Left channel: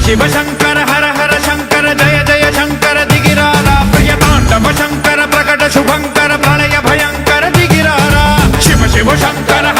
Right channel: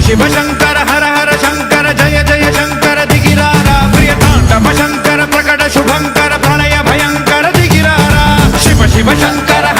शिव शंकर हर हर शंकर जय जय शंकर दिगिरारा प्रिय तांडव शंकर प्रकट शुभंकर प्रणय भयंकर दिगिरारा शिव शिव शंकर